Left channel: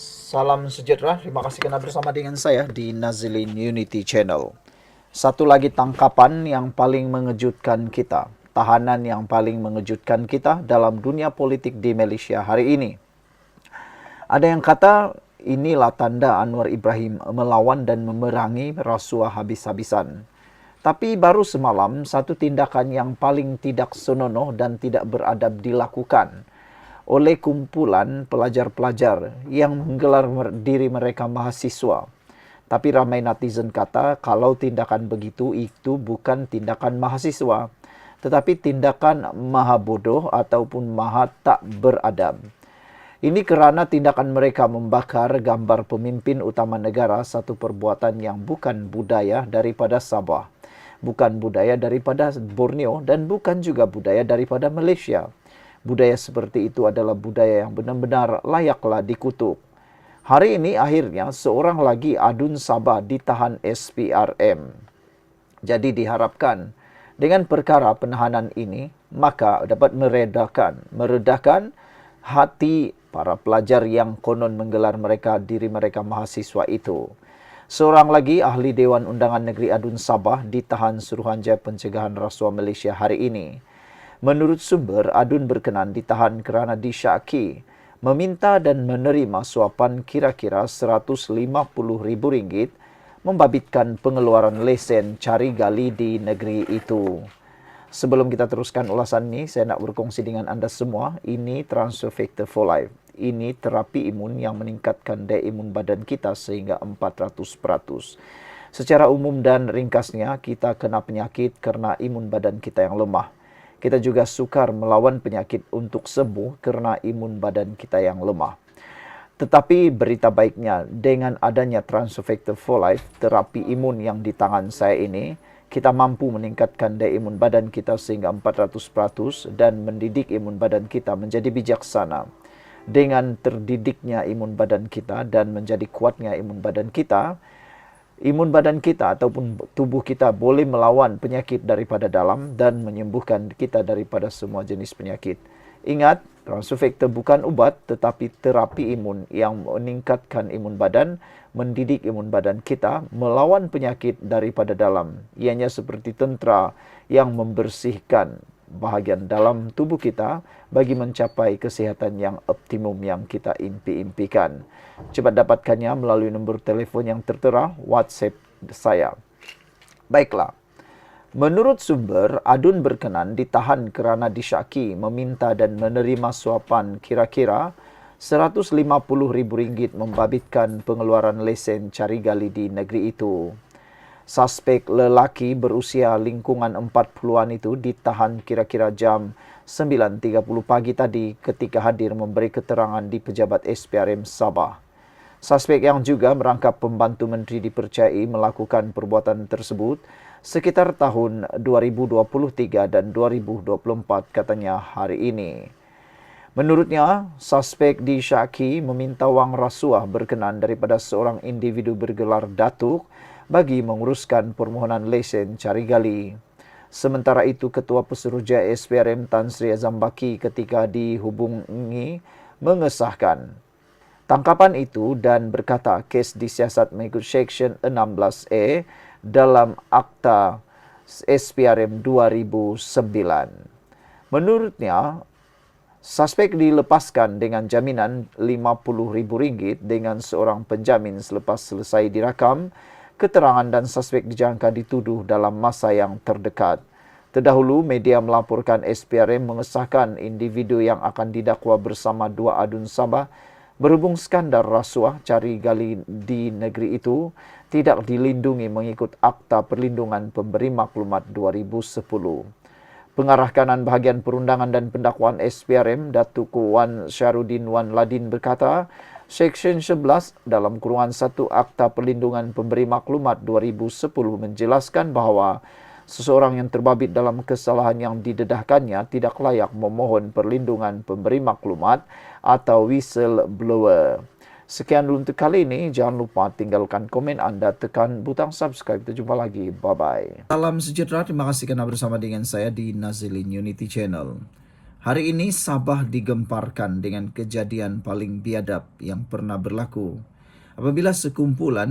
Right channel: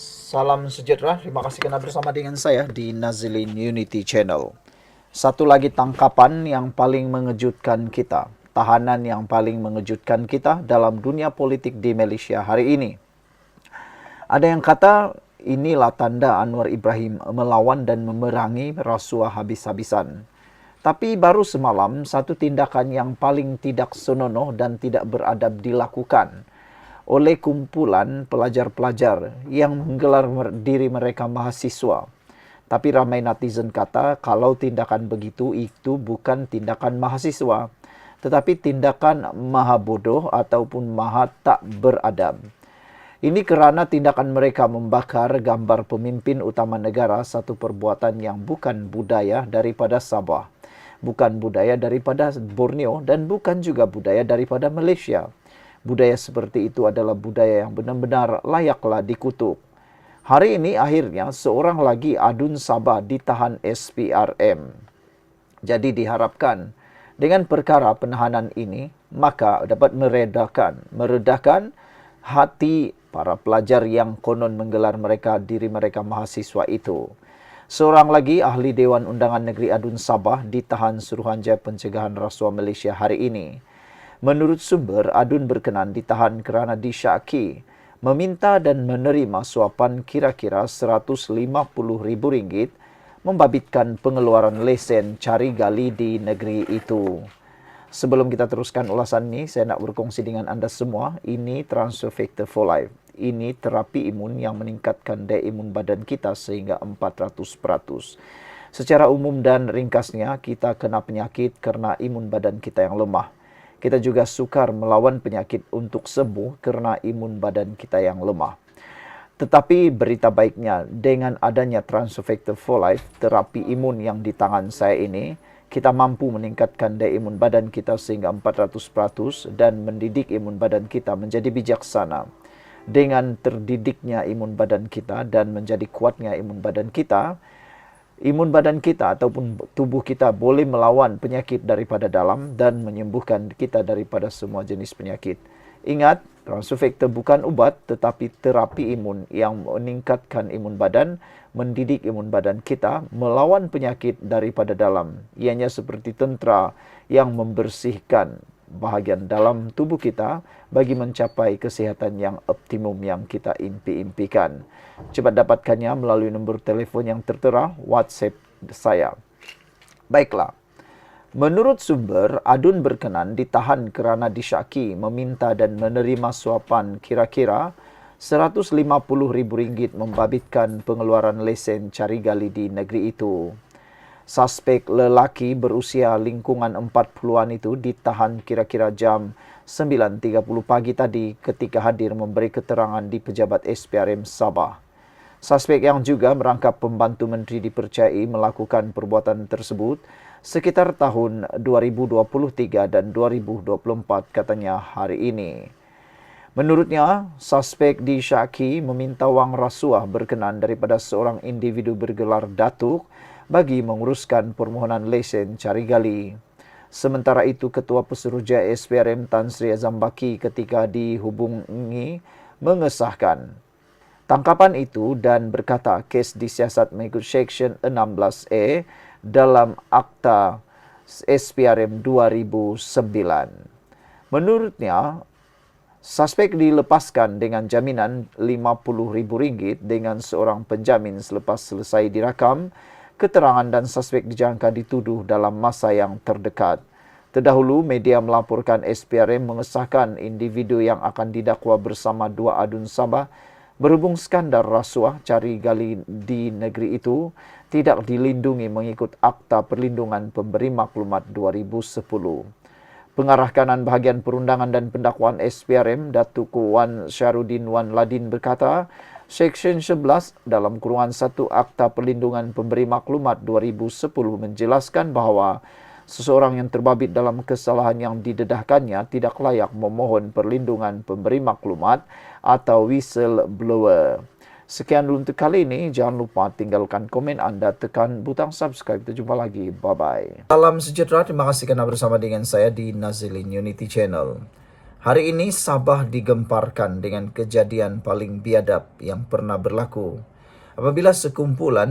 Salam sejahtera, terima kasih karena bersama dengan saya di Nazilin Unity Channel. Satu lagi tangkapan yang paling mengejutkan kita, tahanan yang paling mengejutkan kita dalam dunia politik di Malaysia hari ini. Ada yang kata inilah tanda Anwar Ibrahim melawan dan memerangi rasuah habis-habisan. Tapi baru semalam satu tindakan yang paling tidak senonoh dan tidak beradab dilakukan oleh kumpulan pelajar-pelajar yang menggelar diri mereka mahasiswa. Tapi ramai netizen kata kalau tindakan begitu itu bukan tindakan mahasiswa, tetapi tindakan maha bodoh ataupun maha tak beradab. Ini kerana tindakan mereka membakar gambar pemimpin utama negara, satu perbuatan yang bukan budaya daripada Sabah, bukan budaya daripada Borneo, dan bukan juga budaya daripada Malaysia. Budaya seperti itu adalah budaya yang benar-benar layaklah dikutuk. Hari ini akhirnya seorang lagi adun Sabah ditahan SPRM. Jadi diharapkan dengan perkara penahanan ini maka dapat meredahkan hati para pelajar yang konon menggelar diri mereka mahasiswa itu. Seorang lagi ahli Dewan Undangan Negeri Adun Sabah ditahan Suruhanjaya Pencegahan Rasuah Malaysia hari ini. Menurut sumber, Adun berkenan ditahan kerana disyaki meminta dan menerima suapan kira-kira RM150,000 membabitkan pengeluaran lesen cari gali di negeri itu. Sebelum kita teruskan ulasan ini, saya nak berkongsi dengan anda semua, ini Transfer Factor for Life. Ini terapi imun yang meningkatkan daya imun badan kita sehingga 400%. Secara umum dan ringkasnya, kita kena penyakit kerana imun badan kita yang lemah. Kita juga sukar melawan penyakit untuk sembuh kerana imun badan kita yang lemah. Tetapi berita baiknya, dengan adanya Transfer Factor for Life, terapi imun yang di tangan saya ini, kita mampu meningkatkan daya imun badan kita sehingga 400% dan mendidik imun badan kita menjadi bijaksana. Dengan terdidiknya imun badan kita dan menjadi kuatnya imun badan kita ataupun tubuh kita boleh melawan penyakit daripada dalam dan menyembuhkan kita daripada semua jenis penyakit. Ingat, Transfer Factor bukan ubat tetapi terapi imun yang meningkatkan imun badan, mendidik imun badan kita melawan penyakit daripada dalam. Ianya seperti tentera yang membersihkan bahagian dalam tubuh kita bagi mencapai kesihatan yang optimum yang kita impi-impikan. Cepat dapatkannya melalui nombor telefon yang tertera WhatsApp saya. Baiklah. Menurut sumber, Adun berkenan ditahan kerana disyaki meminta dan menerima suapan kira-kira RM150,000 membabitkan pengeluaran lesen cari gali di negeri itu. Suspek lelaki berusia lingkungan 40-an itu ditahan kira-kira jam 9.30 pagi tadi ketika hadir memberi keterangan di pejabat SPRM Sabah. Suspek yang juga merangkap pembantu menteri dipercayai melakukan perbuatan tersebut sekitar tahun 2023 dan 2024 katanya hari ini. Menurutnya, suspek disyaki meminta wang rasuah berkenan daripada seorang individu bergelar Datuk bagi menguruskan permohonan lesen cari gali. Sementara itu, Ketua Pesuruhjaya SPRM Tan Sri Azam Baki ketika dihubungi mengesahkan tangkapan itu dan berkata kes disiasat mengikut Seksyen 16A dalam Akta SPRM 2009. Menurutnya, suspek dilepaskan dengan jaminan RM50,000 dengan seorang penjamin selepas selesai dirakam keterangan dan suspek dijangka dituduh dalam masa yang terdekat. Terdahulu, media melaporkan SPRM mengesahkan individu yang akan didakwa bersama dua adun Sabah berhubung skandal rasuah cari gali di negeri itu tidak dilindungi mengikut Akta Perlindungan Pemberi Maklumat 2010. Pengarah kanan bahagian perundangan dan pendakwaan SPRM, Datuk Wan Syarudin Wan Ladin berkata, Seksyen 11 dalam kurungan 1 Akta Perlindungan Pemberi Maklumat 2010 menjelaskan bahawa seseorang yang terbabit dalam kesalahan yang didedahkannya tidak layak memohon perlindungan pemberi maklumat atau whistleblower. Sekian dulu untuk kali ini. Jangan lupa tinggalkan komen anda, tekan butang subscribe. Kita jumpa lagi. Bye-bye. Salam sejahtera. Terima kasih kerana bersama dengan saya di Nazilin Unity Channel. Hari ini Sabah digemparkan dengan kejadian paling biadab yang pernah berlaku. Apabila sekumpulan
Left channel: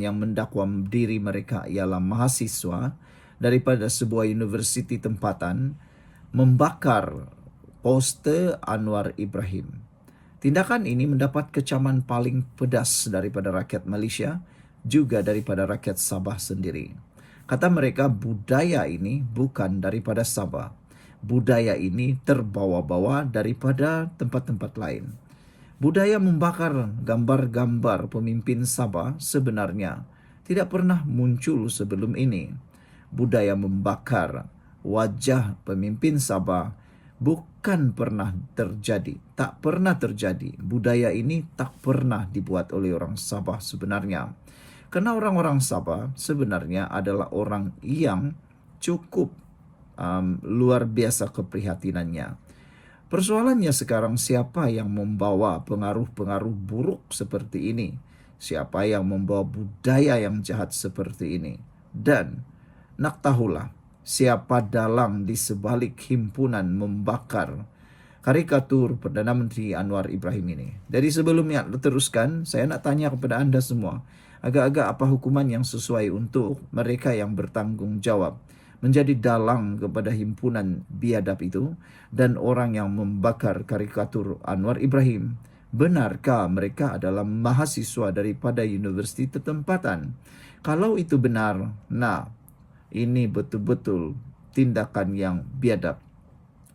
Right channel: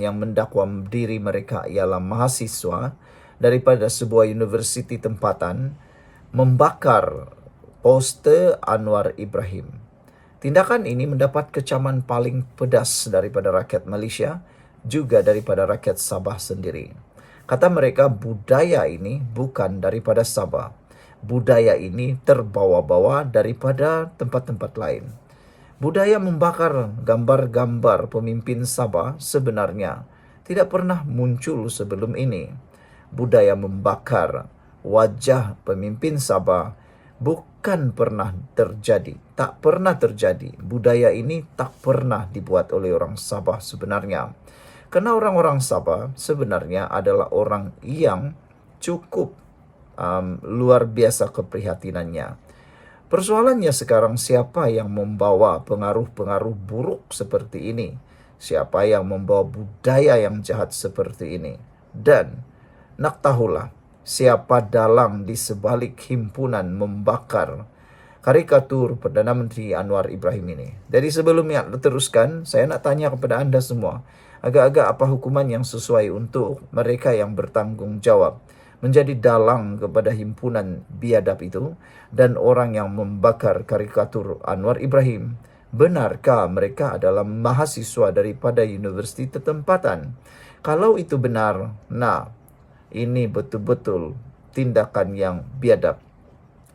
yang mendakwa diri mereka ialah mahasiswa daripada sebuah universiti tempatan membakar poster Anwar Ibrahim. Tindakan ini mendapat kecaman paling pedas daripada rakyat Malaysia, juga daripada rakyat Sabah sendiri. Kata mereka, budaya ini bukan daripada Sabah. Budaya ini terbawa-bawa daripada tempat-tempat lain. Budaya membakar gambar-gambar pemimpin Sabah sebenarnya tidak pernah muncul sebelum ini. Budaya membakar wajah pemimpin Sabah bukan pernah terjadi, tak pernah terjadi. Budaya ini tak pernah dibuat oleh orang Sabah sebenarnya. Karena orang-orang Sabah sebenarnya adalah orang yang cukup luar biasa keprihatinannya. Persoalannya sekarang, siapa yang membawa pengaruh-pengaruh buruk seperti ini? Siapa yang membawa budaya yang jahat seperti ini? Dan nak tahulah siapa dalang di sebalik himpunan membakar karikatur Perdana Menteri Anwar Ibrahim ini. Jadi sebelumnya teruskan, saya nak tanya kepada anda semua, agak-agak apa hukuman yang sesuai untuk mereka yang bertanggung jawab menjadi dalang kepada himpunan biadab itu dan orang yang membakar karikatur Anwar Ibrahim? Benarkah mereka adalah mahasiswa daripada universiti tempatan? Kalau itu benar, nah, ini betul-betul tindakan yang biadab.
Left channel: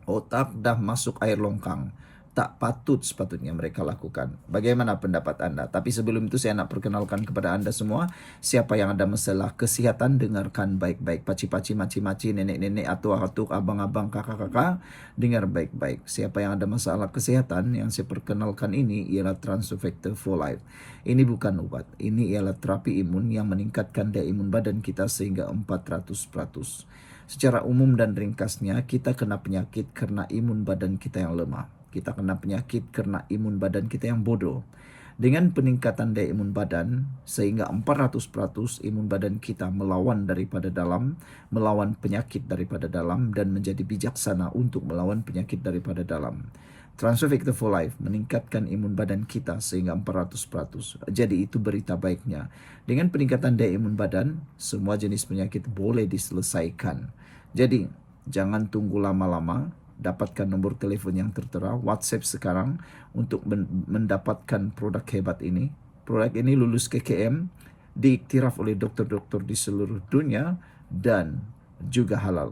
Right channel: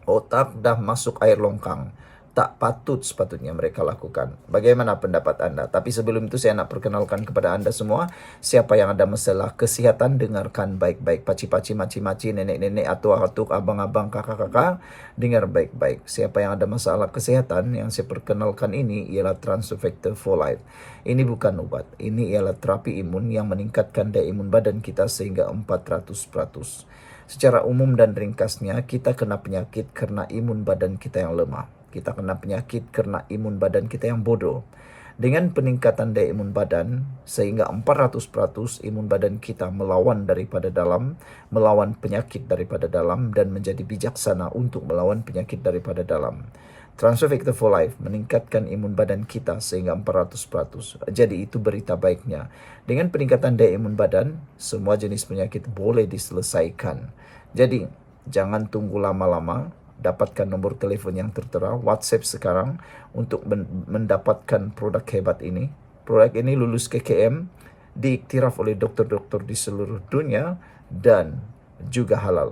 Otak dah masuk air longkang. Tak patut sepatutnya mereka lakukan. Bagaimana pendapat anda? Tapi sebelum itu saya nak perkenalkan kepada anda semua, siapa yang ada masalah kesihatan, dengarkan baik-baik. Paci-paci, maci-maci, nenek-nenek, atuk-atuk, abang-abang, kakak-kakak, dengar baik-baik. Siapa yang ada masalah kesehatan, yang saya perkenalkan ini ialah Transfector for Life. Ini bukan obat. Ini ialah terapi imun yang meningkatkan daya imun badan kita sehingga 400%. Secara umum dan ringkasnya, kita kena penyakit karena imun badan kita yang lemah. Kita kena penyakit karena imun badan kita yang bodoh. Dengan peningkatan daya imun badan, sehingga 400% imun badan kita melawan daripada dalam, melawan penyakit daripada dalam, dan menjadi bijaksana untuk melawan penyakit daripada dalam. Transfector for Life meningkatkan imun badan kita sehingga 400%. Jadi itu berita baiknya. Dengan peningkatan daya imun badan, semua jenis penyakit boleh diselesaikan. Jadi jangan tunggu lama-lama. Dapatkan nombor telefon yang tertera, WhatsApp sekarang untuk mendapatkan produk hebat ini. Produk ini lulus KKM, diiktiraf oleh dokter-dokter di seluruh dunia dan juga halal.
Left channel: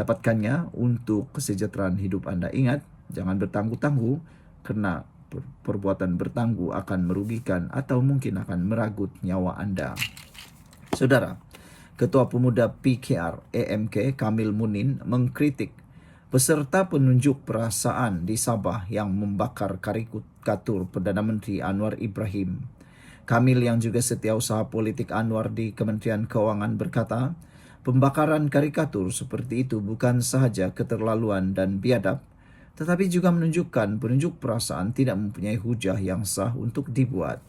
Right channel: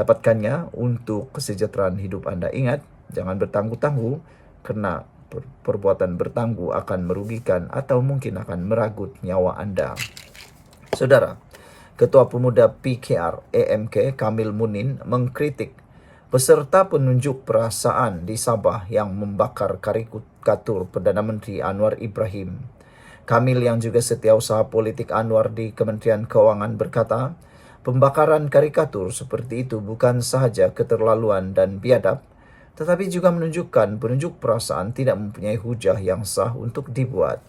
Dapatkannya untuk kesejahteraan hidup anda. Ingat, jangan bertangguh-tangguh, karena perbuatan bertangguh akan merugikan atau mungkin akan meragut nyawa anda. Saudara, Ketua Pemuda PKR AMK Kamil Munin mengkritik peserta penunjuk perasaan di Sabah yang membakar karikatur Perdana Menteri Anwar Ibrahim. Kamil yang juga setiausaha politik Anwar di Kementerian Keuangan berkata, pembakaran karikatur seperti itu bukan sahaja keterlaluan dan biadab, tetapi juga menunjukkan penunjuk perasaan tidak mempunyai hujah yang sah untuk dibuat.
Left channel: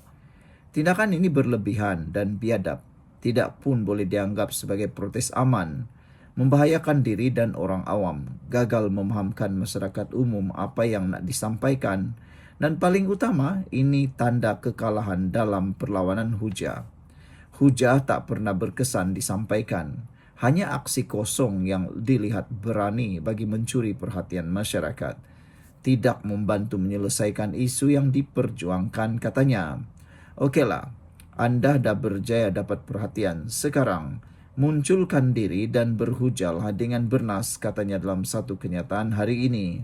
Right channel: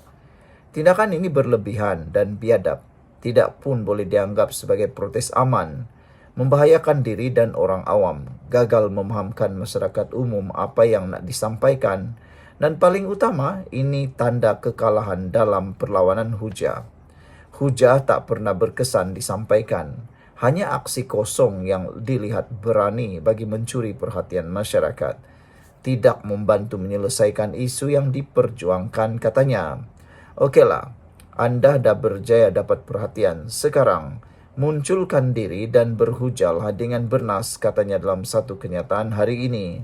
Tindakan ini berlebihan dan biadab, tidak pun boleh dianggap sebagai protes aman, membahayakan diri dan orang awam, gagal memahamkan masyarakat umum apa yang nak disampaikan, dan paling utama, ini tanda kekalahan dalam perlawanan hujah. Hujah tak pernah berkesan disampaikan, hanya aksi kosong yang dilihat berani bagi mencuri perhatian masyarakat. Tidak membantu menyelesaikan isu yang diperjuangkan, katanya. Okeylah, anda dah berjaya dapat perhatian. Sekarang, munculkan diri dan berhujahlah dengan bernas, katanya dalam satu kenyataan hari ini.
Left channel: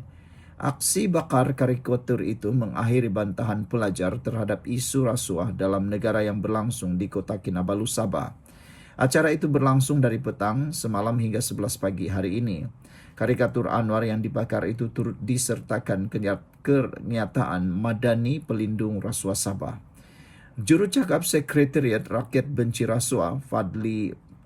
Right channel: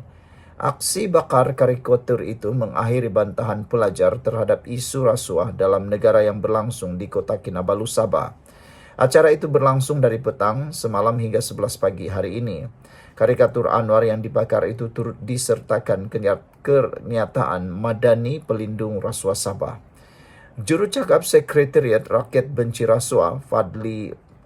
Aksi bakar karikatur itu mengakhiri bantahan pelajar terhadap isu rasuah dalam negara yang berlangsung di kota Kinabalu, Sabah. Acara itu berlangsung dari petang semalam hingga 11 pagi hari ini. Karikatur Anwar yang dibakar itu turut disertakan kenyataan Madani Pelindung Rasuah Sabah. Jurucakap Sekretariat Rakyat Benci Rasuah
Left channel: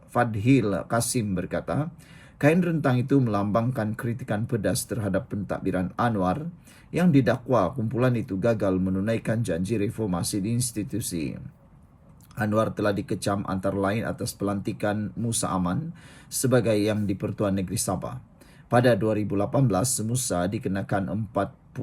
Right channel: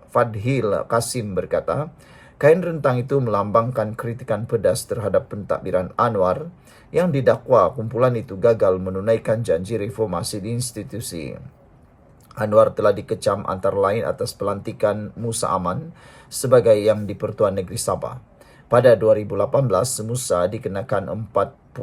Fadhil Kasim berkata, kain rentang itu melambangkan kritikan pedas terhadap pentadbiran Anwar yang didakwa kumpulan itu gagal menunaikan janji reformasi di institusi. Anwar telah dikecam antara lain atas pelantikan Musa Aman sebagai yang di Pertuan Negeri Sabah. Pada 2018 Musa dikenakan 46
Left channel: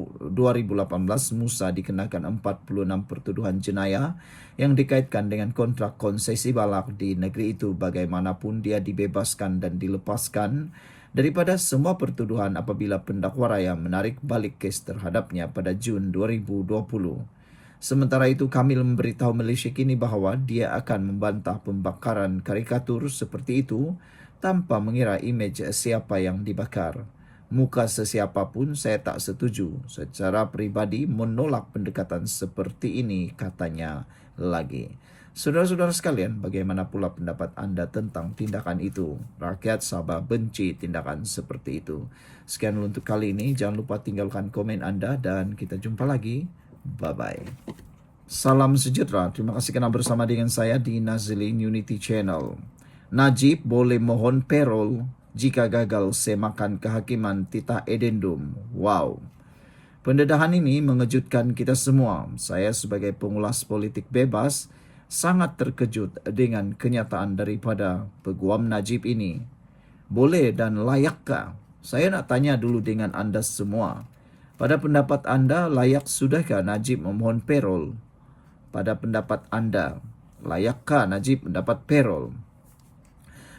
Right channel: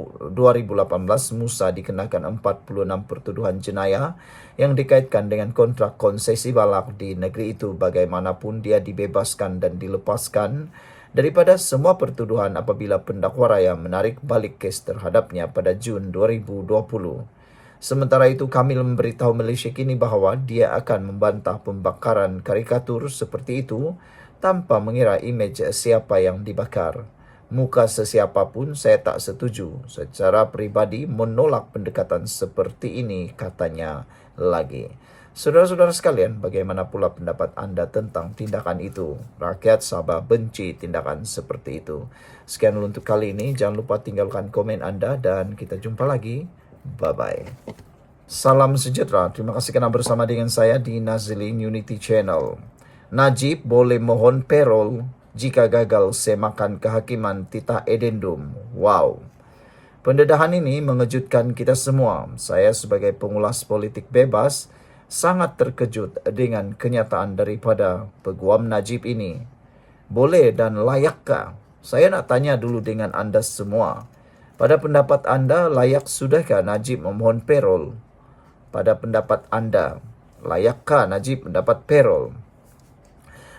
pertuduhan jenayah yang dikaitkan dengan kontrak konsesi balak di negeri itu. Bagaimanapun dia dibebaskan dan dilepaskan daripada semua pertuduhan apabila pendakwa raya menarik balik kes terhadapnya pada Jun 2020. Sementara itu, Kamil memberitahu Malaysia Kini bahawa dia akan membantah pembakaran karikatur seperti itu tanpa mengira imej siapa yang dibakar. Muka sesiapa pun saya tak setuju. Secara peribadi menolak pendekatan seperti ini, katanya lagi. Saudara-saudara sekalian, bagaimana pula pendapat anda tentang tindakan itu? Rakyat Sabah benci tindakan seperti itu. Sekian dulu untuk kali ini. Jangan lupa tinggalkan komen anda dan kita jumpa lagi. Bye-bye. Salam sejahtera. Terima kasih kerana bersama dengan saya di Nazilin Unity Channel. Najib boleh mohon parol jika gagal semakan kehakiman titah edendum. Wow. Pendedahan ini mengejutkan kita semua. Saya sebagai pengulas politik bebas sangat terkejut dengan kenyataan daripada Peguam Najib ini. Boleh dan layakkah? Saya nak tanya dulu dengan anda semua. Pada pendapat anda, layak sudahkah Najib memohon parol? Pada pendapat anda, layakkah Najib mendapat parol?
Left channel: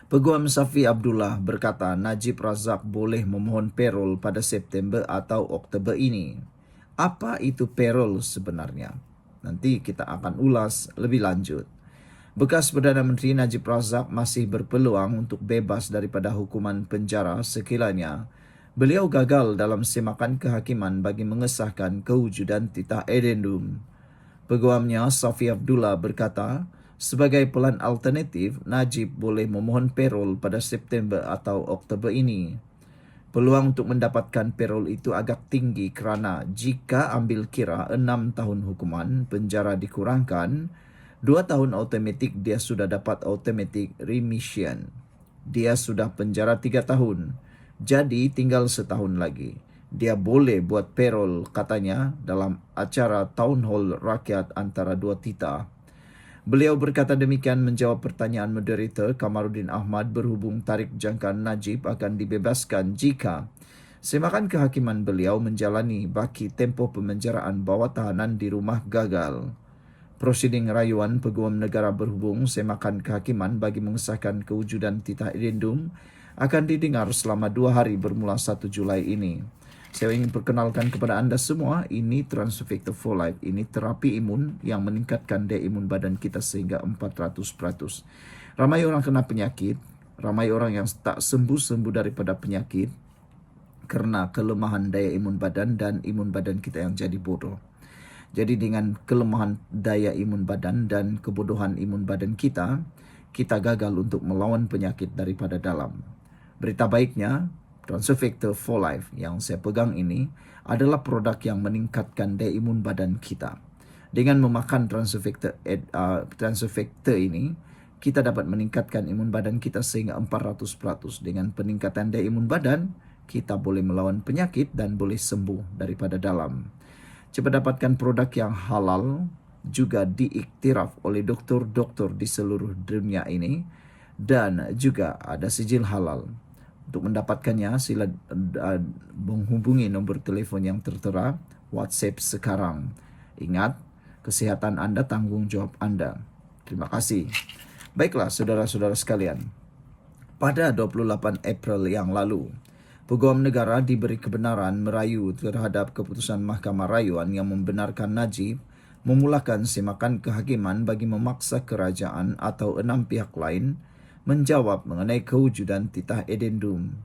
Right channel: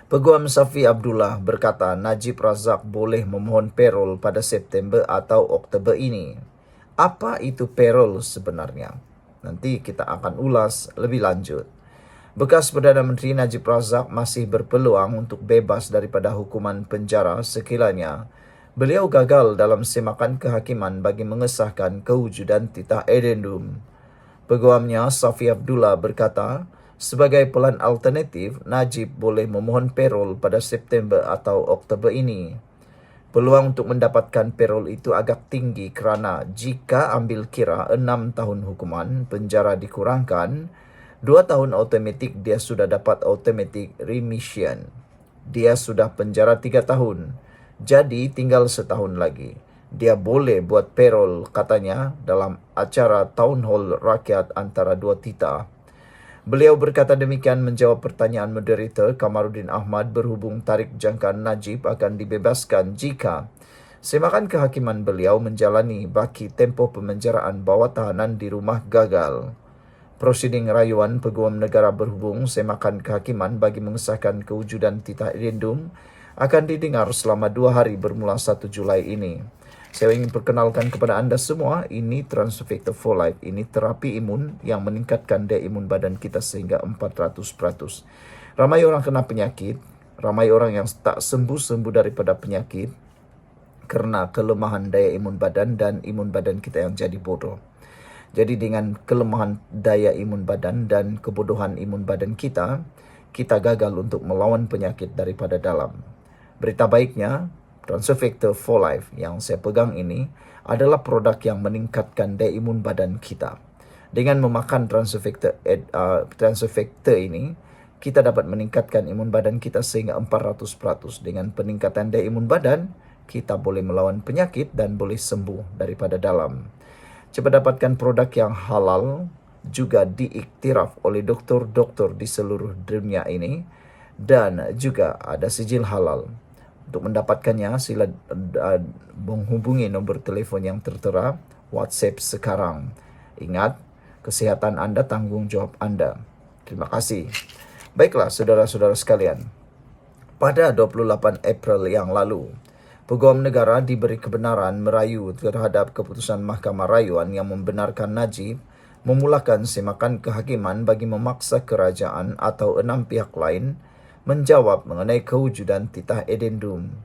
Peguam Safi Abdullah berkata Najib Razak boleh memohon parol pada September atau Oktober ini. Apa itu parol sebenarnya? Nanti kita akan ulas lebih lanjut. Bekas Perdana Menteri Najib Razak masih berpeluang untuk bebas daripada hukuman penjara sekiranya beliau gagal dalam semakan kehakiman bagi mengesahkan kewujudan titah edendum. Peguamnya Safi Abdullah berkata, sebagai pelan alternatif, Najib boleh memohon parol pada September atau Oktober ini. Peluang untuk mendapatkan parol itu agak tinggi kerana jika ambil kira 6 tahun hukuman penjara dikurangkan, 2 tahun automatik dia sudah dapat automatic remission. Dia sudah penjara 3 tahun. Jadi tinggal setahun lagi. Dia boleh buat parol katanya dalam acara Town Hall Rakyat antara dua titah. Beliau berkata demikian menjawab pertanyaan moderator Kamarudin Ahmad berhubung tarikh jangkaan Najib akan dibebaskan jika semakan kehakiman beliau menjalani baki tempoh pemenjaraan bawah tahanan di rumah gagal. Prosiding rayuan Peguam Negara berhubung semakan kehakiman bagi mengesahkan kewujudan titah edendum akan didengar selama 2 hari bermula 1 Julai ini. Saya ingin perkenalkan kepada anda semua, ini Transfector for Life. Ini terapi imun yang meningkatkan daya imun badan kita sehingga 400%. Ramai orang kena penyakit, ramai orang yang tak sembuh-sembuh daripada penyakit kerana kelemahan daya imun badan dan imun badan kita yang jadi bodoh. Jadi dengan kelemahan daya imun badan dan kebodohan imun badan kita gagal untuk melawan penyakit daripada dalam. Berita baiknya, Transfector for Life yang saya pegang ini adalah produk yang meningkatkan daya imun badan kita. Dengan memakan Transfector ini, kita dapat meningkatkan imun badan kita sehingga 400%. Dengan peningkatan daya imun badan, kita boleh melawan penyakit dan boleh sembuh daripada dalam. Cepat dapatkan produk yang halal, juga diiktiraf oleh doktor-doktor di seluruh dunia ini dan juga ada sijil halal. Untuk mendapatkannya, sila menghubungi nombor telefon yang tertera, WhatsApp sekarang. Ingat, kesihatan anda tanggungjawab anda. Terima kasih. Baiklah, saudara-saudara sekalian. Pada 28 April yang lalu, Peguam Negara diberi kebenaran merayu terhadap keputusan Mahkamah Rayuan yang membenarkan Najib memulakan semakan kehakiman bagi memaksa kerajaan atau 6 pihak lain menjawab mengenai kewujudan titah edendum.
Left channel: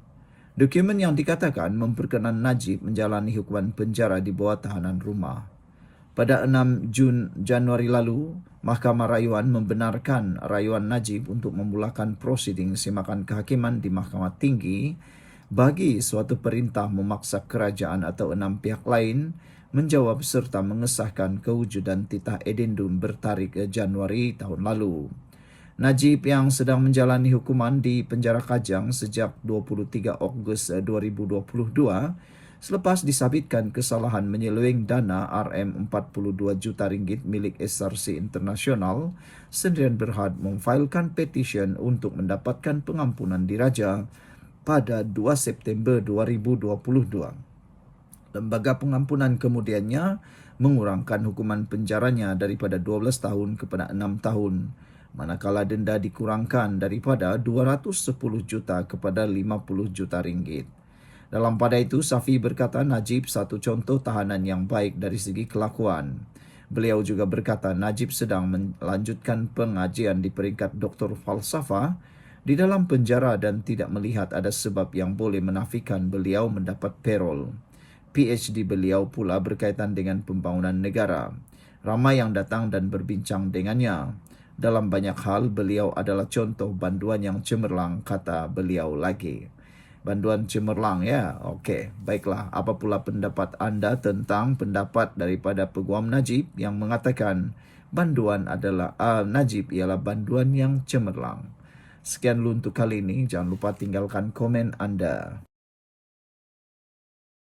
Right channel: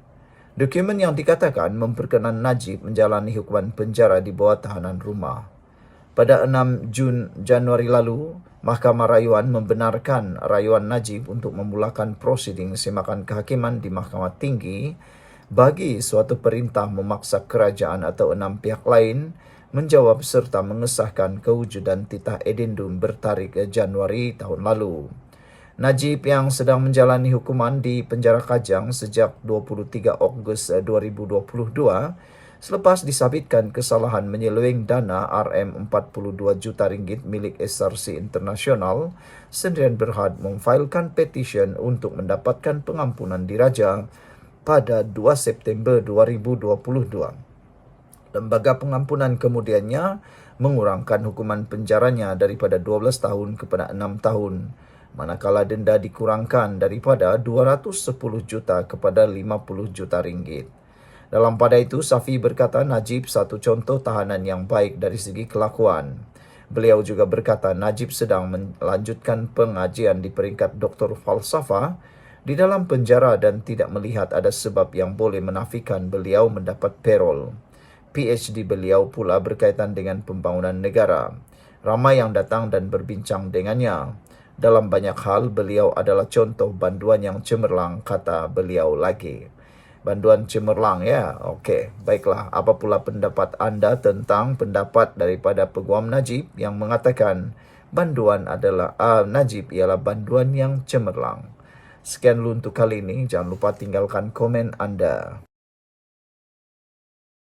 Dokumen yang dikatakan memperkenan Najib menjalani hukuman penjara di bawah tahanan rumah. Pada 6 Januari lalu, Mahkamah Rayuan membenarkan rayuan Najib untuk memulakan prosiding semakan kehakiman di Mahkamah Tinggi bagi suatu perintah memaksa kerajaan atau 6 pihak lain menjawab serta mengesahkan kewujudan titah edendum bertarikh Januari tahun lalu. Najib yang sedang menjalani hukuman di penjara Kajang sejak 23 Ogos 2022 selepas disabitkan kesalahan menyeleweng dana RM42 juta ringgit milik SRC Internasional, Sendirian Berhad memfailkan petisyen untuk mendapatkan pengampunan diraja pada 2 September 2022. Lembaga pengampunan kemudiannya mengurangkan hukuman penjaranya daripada 12 tahun kepada 6 tahun, manakala denda dikurangkan daripada 210 juta kepada 50 juta ringgit. Dalam pada itu, Safi berkata Najib satu contoh tahanan yang baik dari segi kelakuan. Beliau juga berkata Najib sedang melanjutkan pengajian di peringkat Doktor Falsafah di dalam penjara dan tidak melihat ada sebab yang boleh menafikan beliau mendapat parol. PhD beliau pula berkaitan dengan pembangunan negara. Ramai yang datang dan berbincang dengannya. Dalam banyak hal, beliau adalah contoh banduan yang cemerlang, kata beliau lagi. Banduan cemerlang, ya? Okey, baiklah. Apa pula pendapat anda tentang pendapat daripada Peguam Najib yang mengatakan banduan adalah Najib ialah banduan yang cemerlang? Sekian dulu untuk kali ini. Jangan lupa tinggalkan komen anda.